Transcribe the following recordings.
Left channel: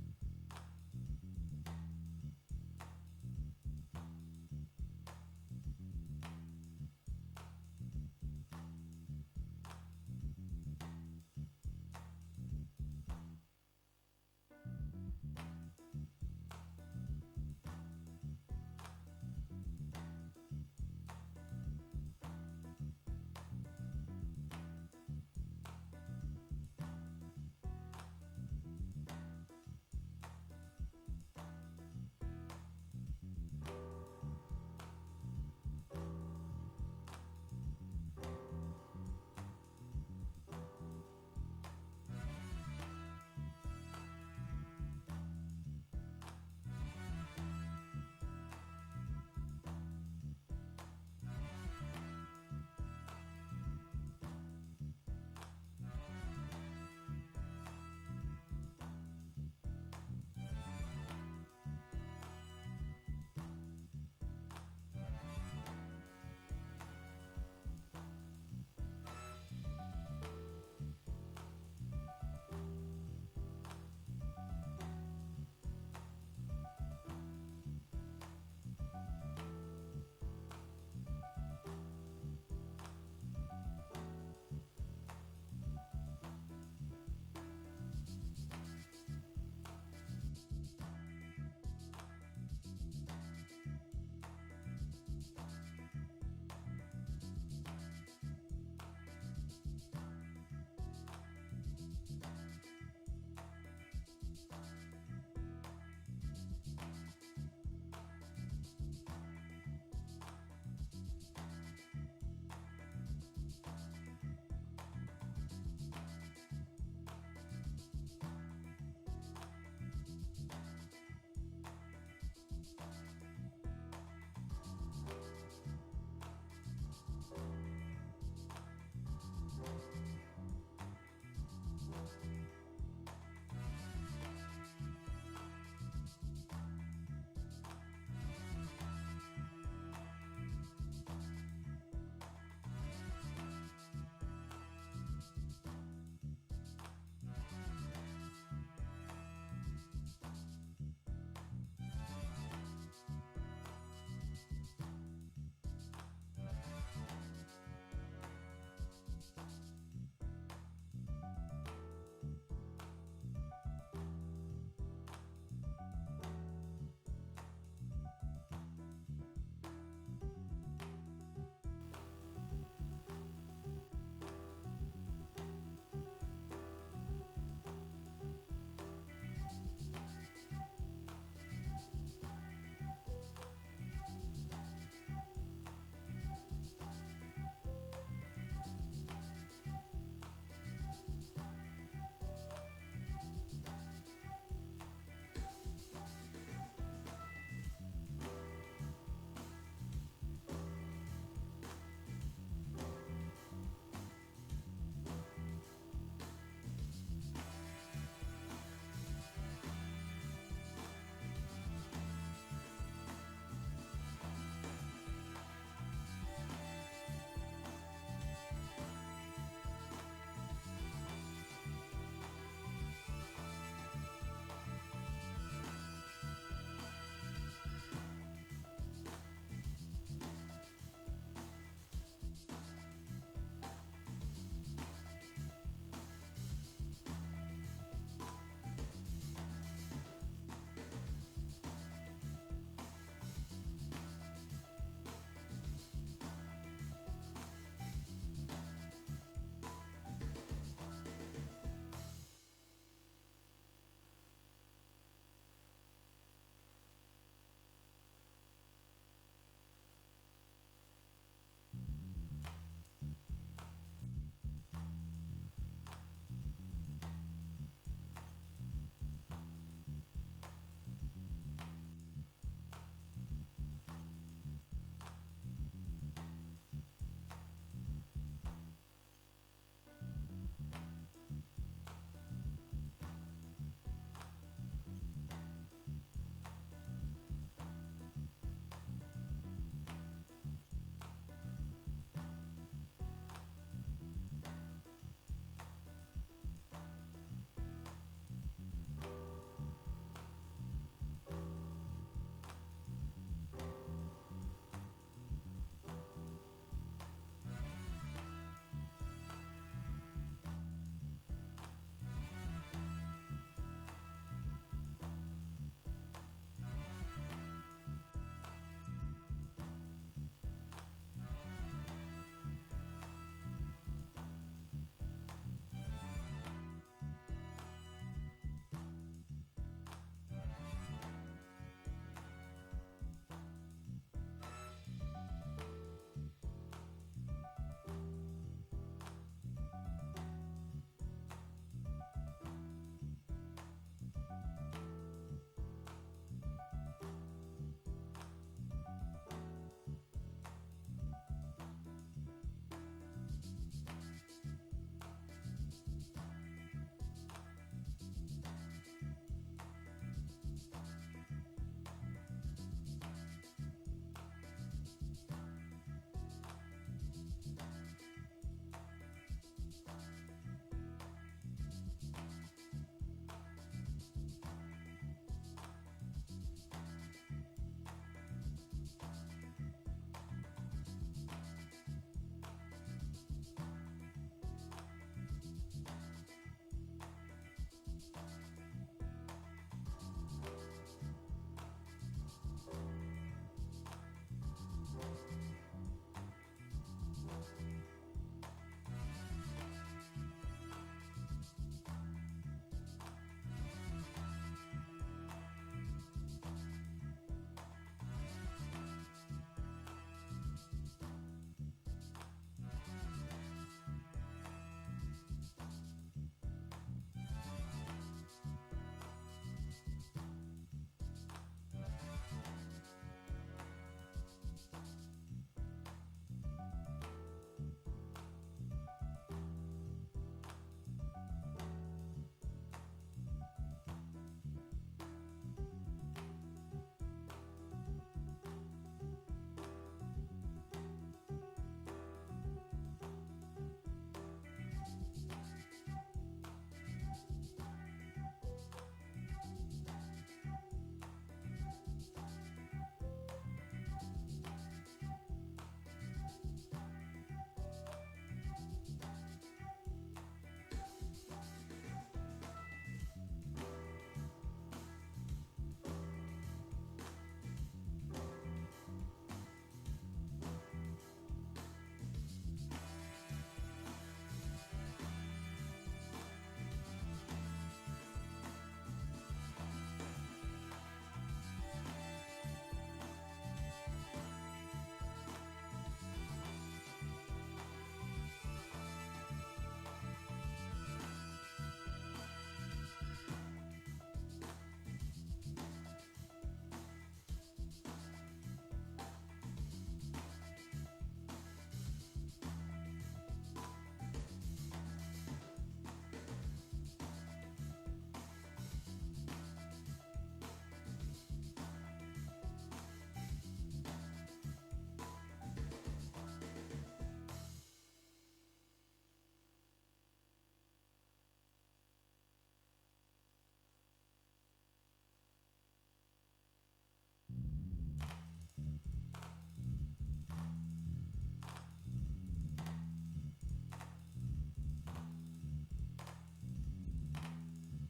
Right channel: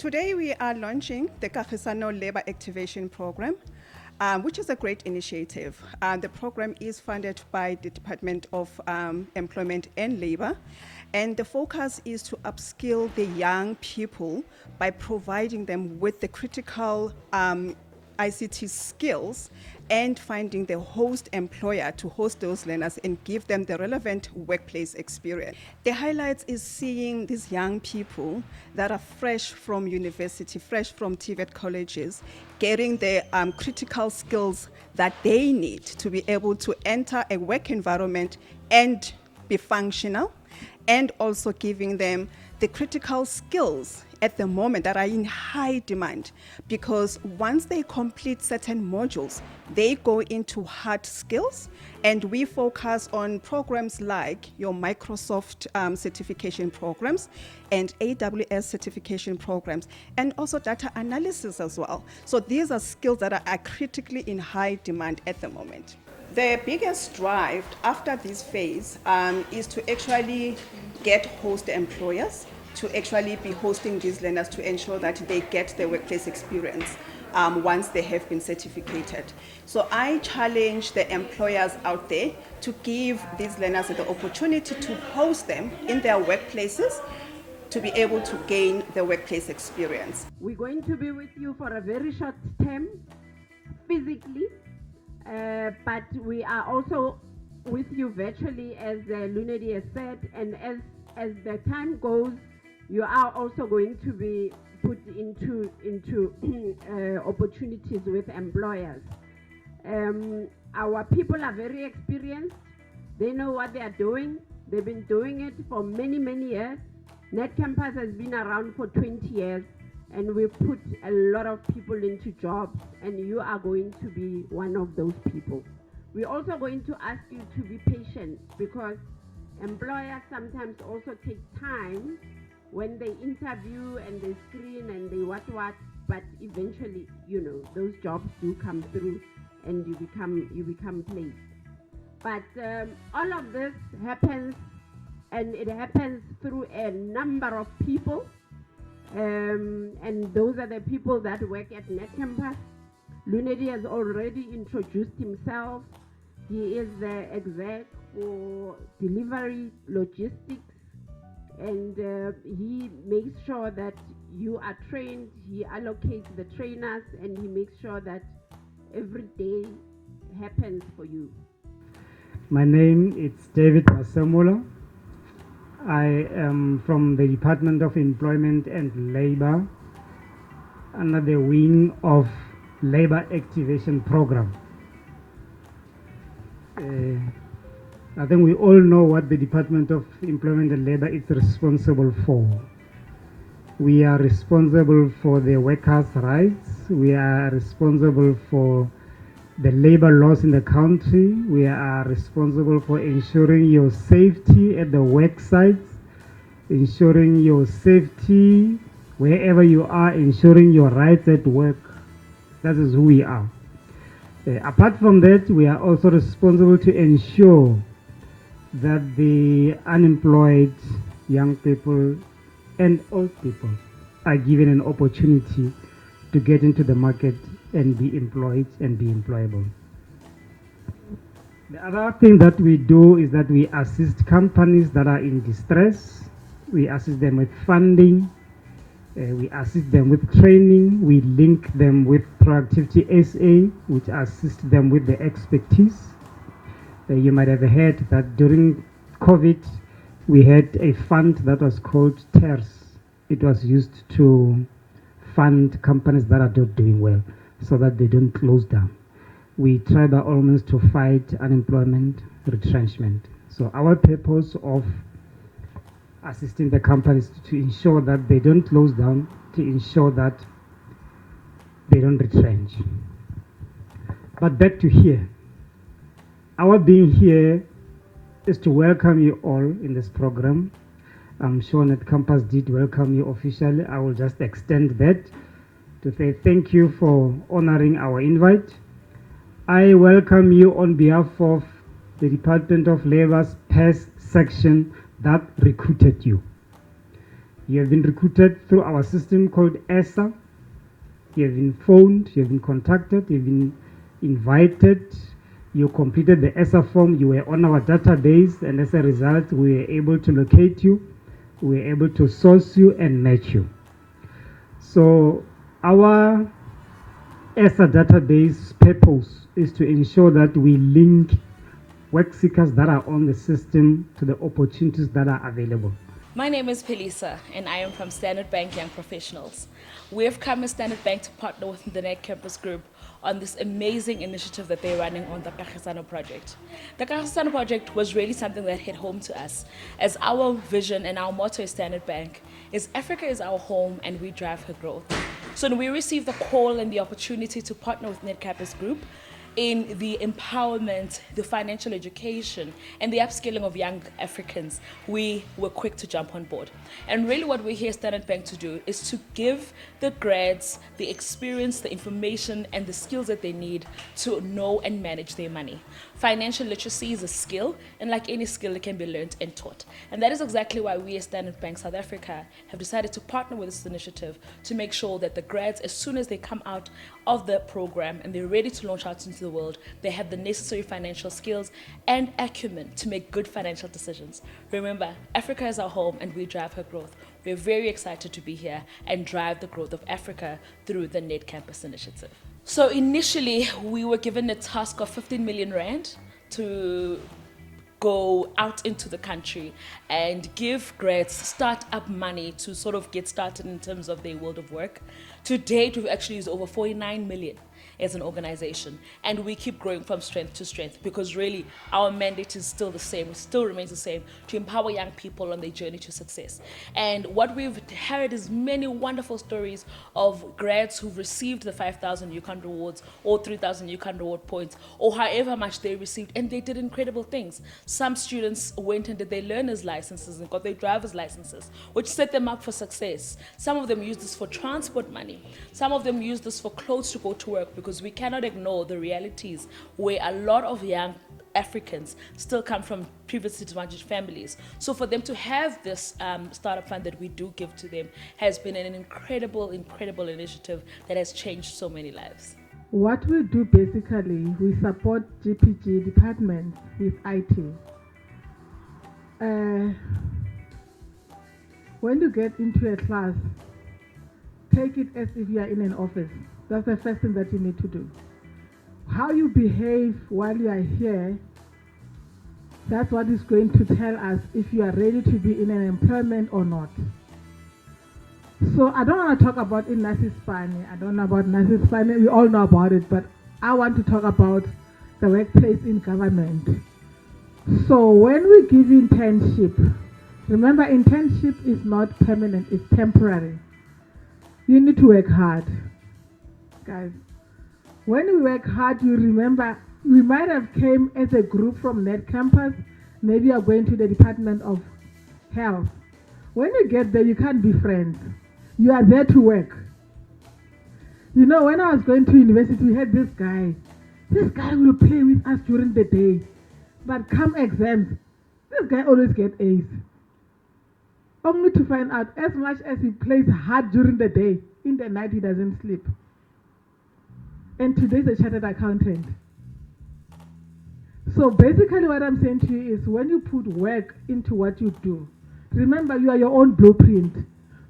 Today we are launching the Kagisano Labour Activation Program, which is a great initiative. The program is funded by the Department of Employment and Labour, and the focus is to upskill the young people by providing them with the critical ICT skills and finding the host employer to host those learners and give them the relevant workplace experience. The highlights is seeing these young people that are fresh from university, fresh from TVET colleges, getting the critical skills that they need to be able to enter a work environment and be functional, and also giving them the critical skills at the moment that are in high demand, because once they complete certain modules, they go into hard skills, and we focus on programs like your Microsoft certification programs and AWS certification programs, and also data analysis as well. So these are skills that are critically in high demand at the moment. The biggest drive after this phase is to actually get host employers to actually be hosting these learners to ensure that they get the workplace experience once they have been certificated. So I challenge the employers out there to give these learners the opportunity to host them in their workplaces to be able to gain the workplace experience. We're going to be with you for a very short term, physically, but we are also with you virtually, as Lunedi has said, and as the time goes, you are also going to be put into opportunities with employers. Our people are very experienced. They know what they are doing. They've been doing it for many, many years. Netcampus has been around for 20 years, and we put a lot of people into jobs, and you are going to be one of those people. We're also going to ask you to be patient, because employers sometimes also take time when they interview and they screen and they what, but eventually, those jobs do come through and you become placed. But all of this happens, and it happens through a number of people, and those are the people that work at Netcampus. Lunedi has already introduced himself. He is the exec for delivery logistics, and he makes sure that you are trained. He allocates the trainers, and he makes sure that every day happens for you. My name is David Masemola. I am from the Department of Employment and Labour, under the wing of Labour Activation Program. I think we all know what the Department of Employment and Labour is responsible for. We are responsible for the workers' rights. We are responsible for the labor laws in the country. We are responsible for ensuring your safety at the work sites, ensuring your safety wherever you are, ensuring your rights at work. That is who we are. Apart from that, we are also responsible to ensure that the unemployed young people and old people are given an opportunity to get into the market and be employed and be employable. The other thing that we do is that we assist companies that are in distress. We assist them with funding. We assist them with training. We link them with Productivity SA, which assists them with the expertise. You might have heard that during COVID, we had a fund that was called TERS. It was used to fund companies that are not doing well so that they don't close down. We try by all means to fight unemployment, retrenchment. So our purpose of assisting the companies to ensure that they don't close down, to ensure that they don't retrench. But back to here. Our being here is to welcome you all in this program. I'm sure Netcampus did welcome you officially. I will just extend that to say thank you for honoring our invite. I welcome you on behalf of the Department of Labour's PES section that recruited you. You have been recruited through our system called ESA. You have been phoned, you have been contacted, you have been invited, you completed the ESA form, you were on our database, and as a result, we were able to locate you, we were able to source you and match you. So our ESA database purpose is to ensure that we link work seekers that are on the system to the opportunities that are available. My name is Pelisa, and I am from Standard Bank Young Professionals. We have come as Standard Bank to partner with the Netcampus Group on this amazing initiative that they're running on the Kagisano project. The Kagisano project was really something that hit home to us, as our vision and our motto as Standard Bank is Africa is our home and we drive her growth. So when we received the call and the opportunity to partner with Netcampus Group in the empowerment, the financial education, and the upskilling of young Africans, we were quick to jump on board. And really what we're here at Standard Bank to do is to give the grads the experience, the information, and the skills that they need to know and manage their money. Financial literacy is a skill, and like any skill, it can be learned and taught. And that is exactly why we at Standard Bank South Africa have decided to partner with this initiative to make sure that the grads, as soon as they come out of the program and they're ready to launch out into the world, they have the necessary financial skills and acumen to make good financial decisions. Remember, Africa is our home and we drive her growth. We're very excited to be here and drive the growth of Africa through the Netcampus initiative. So initially, we were given a task of 15 million rand to go out into the country and give grads start-up money to sort of get started in terms of their world of work. To date, we've actually used over 49 million as an organization, and we keep growing from strength to strength because really our mandate is still the same, it still remains the same, to empower young people on their journey to success. And what we've heard is many wonderful stories of grads who've received the 5,000 UCAN rewards or 3,000 UCAN reward points or however much they received, and they did incredible things. Some students went and did their learner's licenses and got their driver's licenses, which set them up for success. Some of them used this for transport money. Some of them used this for clothes to go to work, because we cannot ignore the realities where a lot of young Africans still come from previously disadvantaged families. So for them to have this startup fund that we do give to them has been an incredible initiative that has changed so many lives. What we do basically, we support GPG departments with IT. When you get into a class, take it as if you are in an office. That's the first thing that you need to do. How you behave while you are here, that's what is going to tell us if you are ready to be in an employment or not. So I don't want to talk about Spani. I don't know about Spani. We all know about it, but I want to talk about the workplace in government. So when we give internship, remember internship is not permanent, it's temporary. You need to work hard. Guys, when we work hard, you remember, we might have came as a group from Netcampus, maybe you are going to the Department of Health. When you get there, you can't be friends. You are there to work. You know, when I was going to university, we had this guy. This guy will play with us during the day, but come exams, this guy always gets A's. Only to find out, as much as he plays hard during the day, in the night he doesn't sleep. And today's a chartered accountant. So basically what I'm saying to you is, when you put work into what you do, remember you are your own blueprint.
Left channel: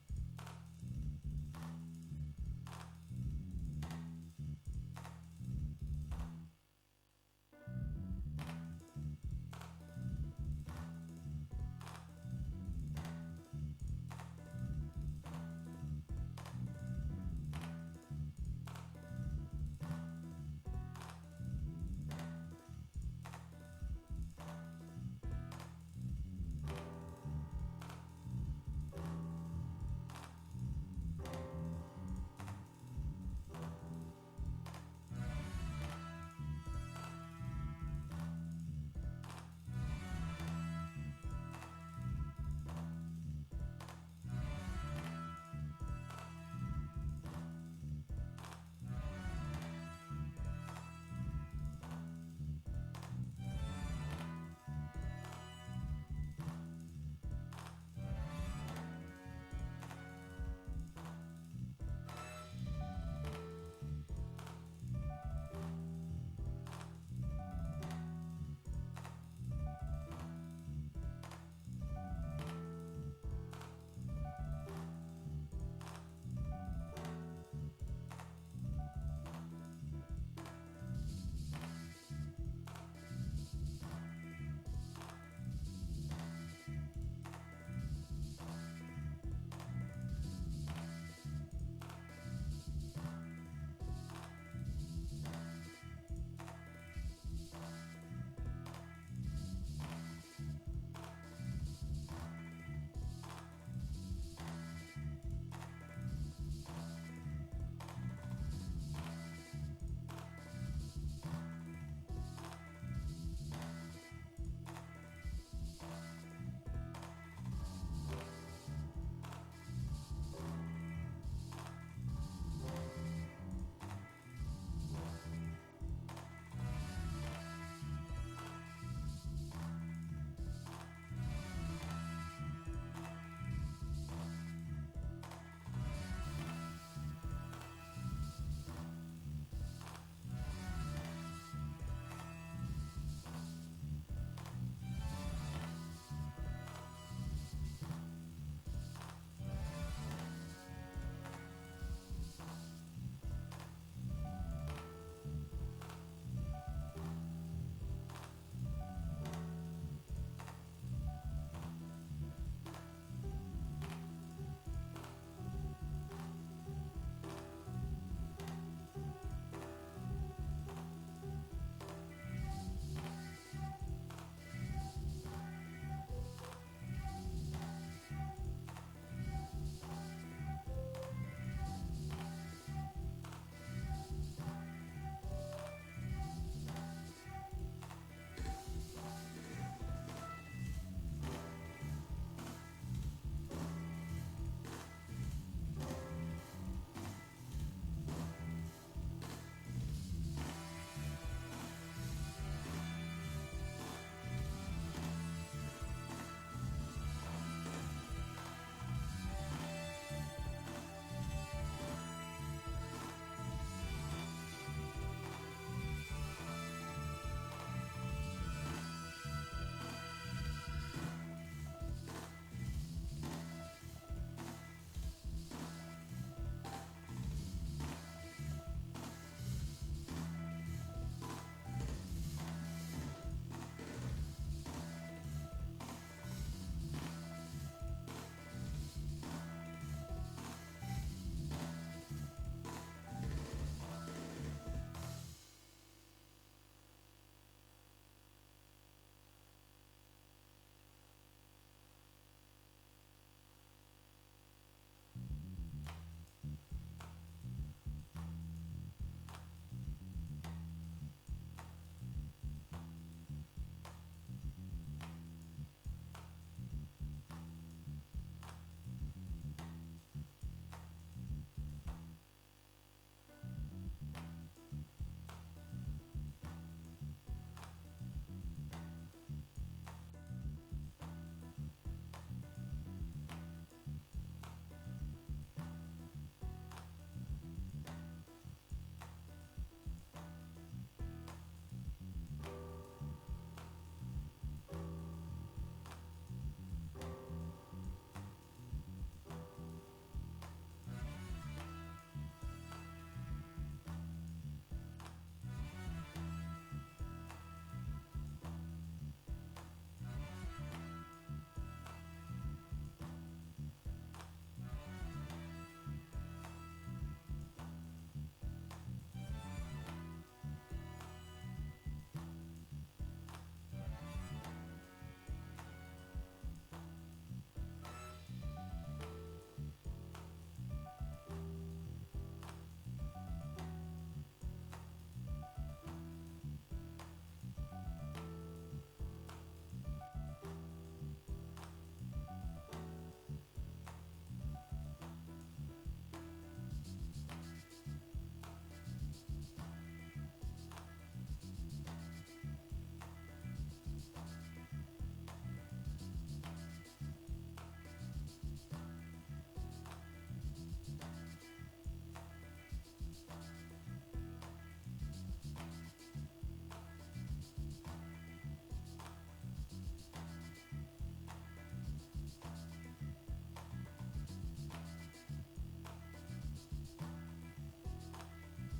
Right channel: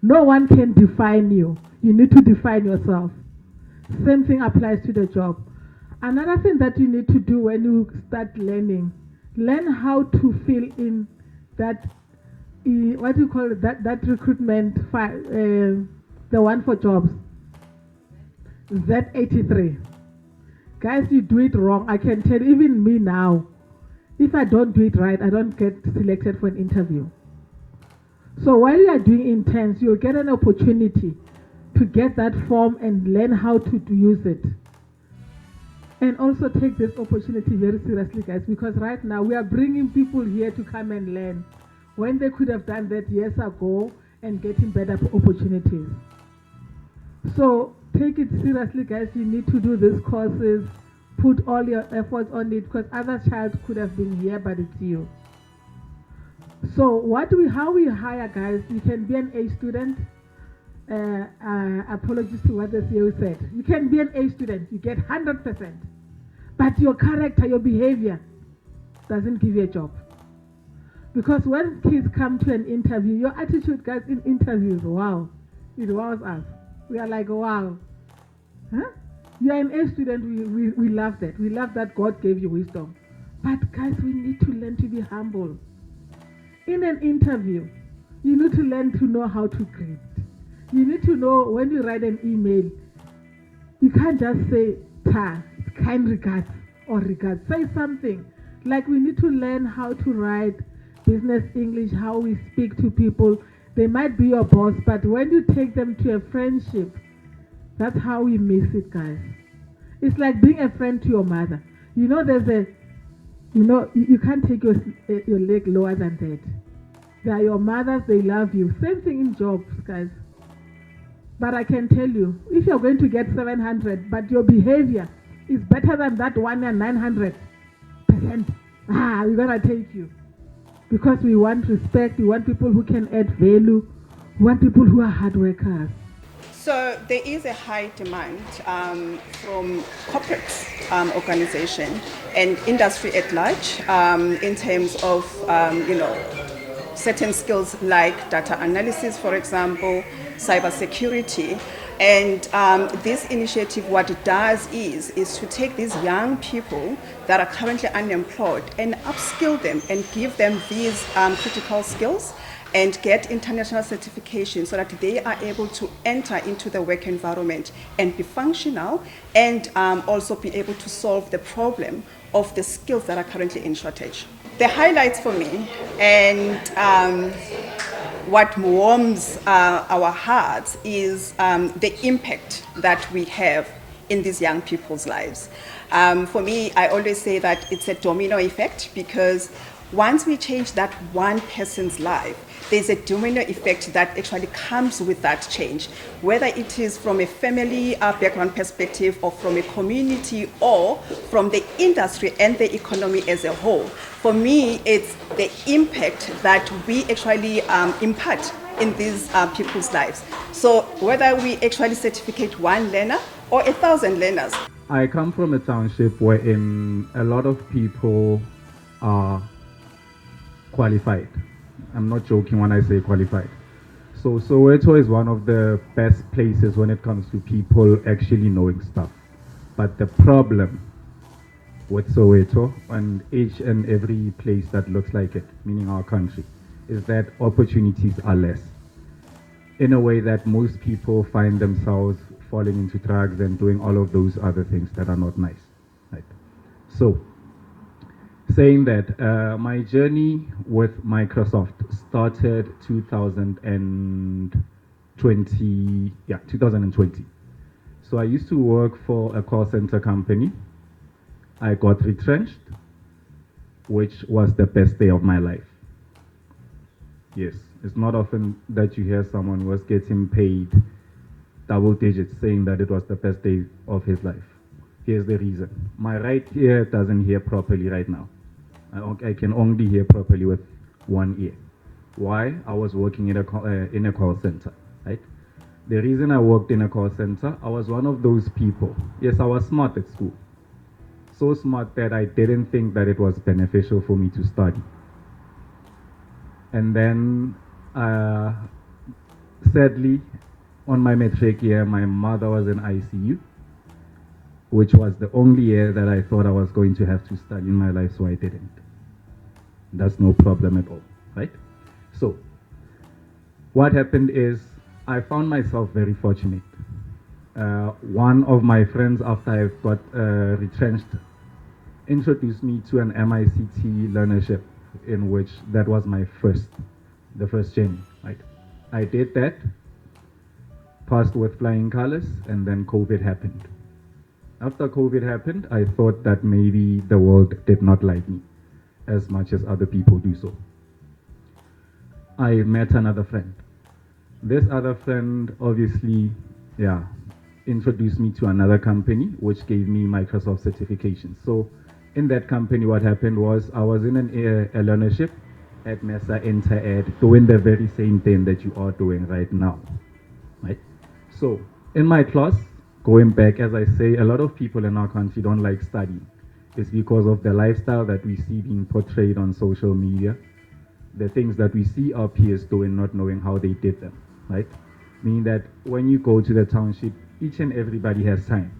No one can define you. You need to define yourself. Same thing applies to the job. Another thing that you need to do when you start learning, learn how to fill in that, what do you call it, that recruitment file, the one for jobs. Z83. Guys, you do it wrong. I can tell even me now, if I don't do it right, I don't get selected for an interview. So while you are doing interns, you'll get an opportunity to get that form and learn how to use it. And also take this opportunity very seriously, guys, because right now we are bringing people here to come and learn when they could have done that years ago and getting better opportunities. So take it seriously, guys. You need to do these courses, put all your efforts on it, because other child could have been here, but it's you. So how we hire guys, you can be an A student. Apologies to what the CEO said. You can be an A student, you get 100%. But your character, your behavior doesn't give you a job. Because when kids come to an interview, your attitude, guys, in interviews, wow, it wows us. We are like, wow. Huh? You are an A student, we love that. We love that God gave you wisdom. But guys, we need to learn to be humble. In an interview, you need to learn to know how to greet. You need to know when you write an email, you can't just say, kind regards or regards. Say something. Like we need to learn how to write business English, how we speak to people. They might be your boss, but when you take them to a friendship, that's how we miss it, guys. It's like being a friend to your mother. You know, you can't take your leg lower than that. They are your mothers, they love you. Same thing in jobs, guys. But I can tell you, if you're going to get 700, but your behavior is better than that one and 900%, we're gonna take you. Because we want respect, we want people who can add value, we want people who are hard workers. So there is a high demand from corporate organization and industry at large in terms of certain skills like data analysis, for example, cybersecurity. And this initiative, what it does is to take these young people that are currently unemployed and upskill them and give them these critical skills and get international certification so that they are able to enter into the work environment and be functional and also be able to solve the problem of the skills that are currently in shortage. The highlights for me and what warms our hearts is the impact that we have in these young people's lives. For me, I always say that it's a domino effect because once we change that one person's life, there's a domino effect that actually comes with that change, whether it is from a family background perspective or from a community or from the industry and the economy as a whole. For me, it's the impact that we actually impart in these people's lives. So whether we actually certificate one learner or 1,000 learners. I come from a township wherein a lot of people are qualified. I'm not joking when I say qualified. So Soweto is one of the best places when it comes to people actually knowing stuff. But the problem with Soweto and each and every place that looks like it, meaning our country, is that opportunities are less. In a way that most people find themselves falling into drugs and doing all of those other things that are not nice. Right? So, saying that, my journey with Microsoft started 2020. So I used to work for a call center company. I got retrenched, which was the best day of my life. Yes, it's not often that you hear someone was getting paid double digits saying that it was the best day of his life. Here's the reason. My right ear doesn't hear properly right now. I can only hear properly with one ear. Why? I was working in a call center, right? The reason I worked in a call center, I was one of those people. Yes, I was smart at school. So smart that I didn't think that it was beneficial for me to study. And then, sadly, on my matric year, my mother was in ICU, which was the only year that I thought I was going to have to study in my life, so I didn't. That's no problem at all, right? So, what happened is, I found myself very fortunate. One of my friends, after I got retrenched, introduced me to an MICT learnership, in which that was the first journey, right? I did that, passed with flying colors, and then COVID happened. After COVID happened, I thought that maybe the world did not like me as much as other people do so. I met another friend. This other friend obviously, introduced me to another company which gave me Microsoft certification. So in that company, what happened was I was in a learnership at Mesa Inter-Ed doing the very same thing that you are doing right now, right? So in my class, going back, as I say, a lot of people in our country don't like studying. It's because of the lifestyle that we see being portrayed on social media, the things that we see our peers doing, not knowing how they did them, right? Meaning that when you go to the township, each and everybody has time.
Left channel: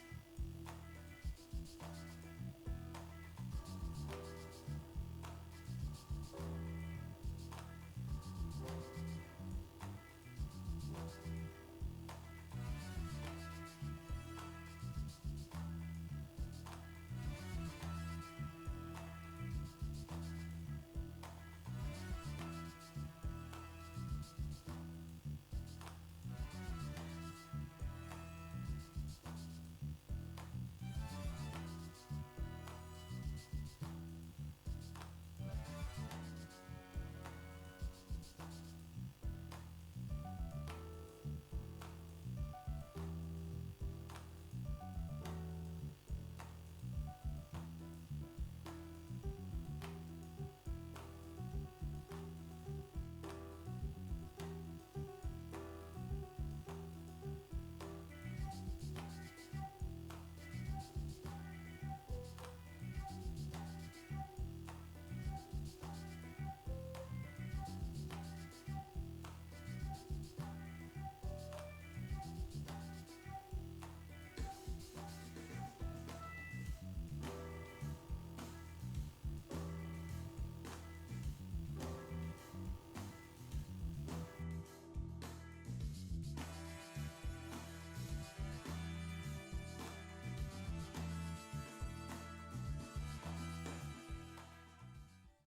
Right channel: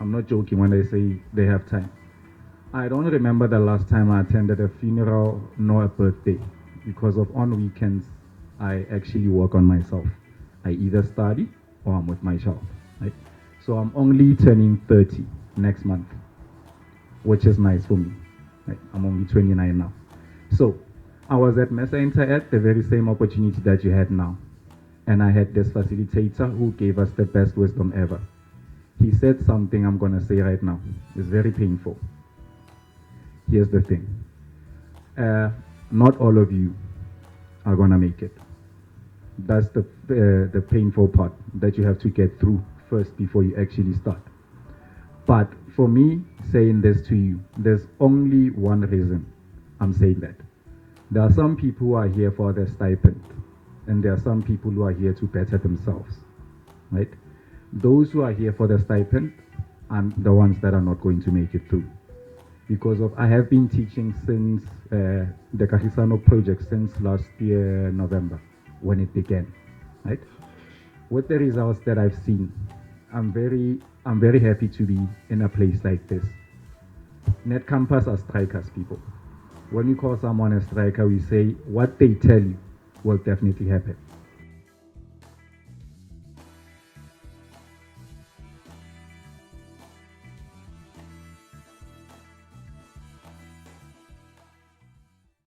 I'm not joking when I say they have time. I don't remember the last time I attended a funeral nor a birthday, because of on weekends, I actually work on myself. I either study or I'm with my child, right? So I'm only turning 30 next month, which is nice for me. Right? I'm only 29 now. So I was at Mesa Inter-Ed, the very same opportunity that you had now. And I had this facilitator who gave us the best wisdom ever. He said something I'm gonna say right now. It's very painful. Here's the thing. Not all of you are gonna make it. That's the painful part that you have to get through first before you actually start. But for me, saying this to you, there's only one reason I'm saying that. There are some people who are here for their stipend, and there are some people who are here to better themselves, right? Those who are here for the stipend are the ones that are not going to make it through. Because of, I have been teaching since the Kahisano project since last year, November, when it began, right? With the results that I've seen, I'm very happy to be in a place like this. Netcampus are strikers, people. When you call someone a striker, we say what they tell you will definitely happen.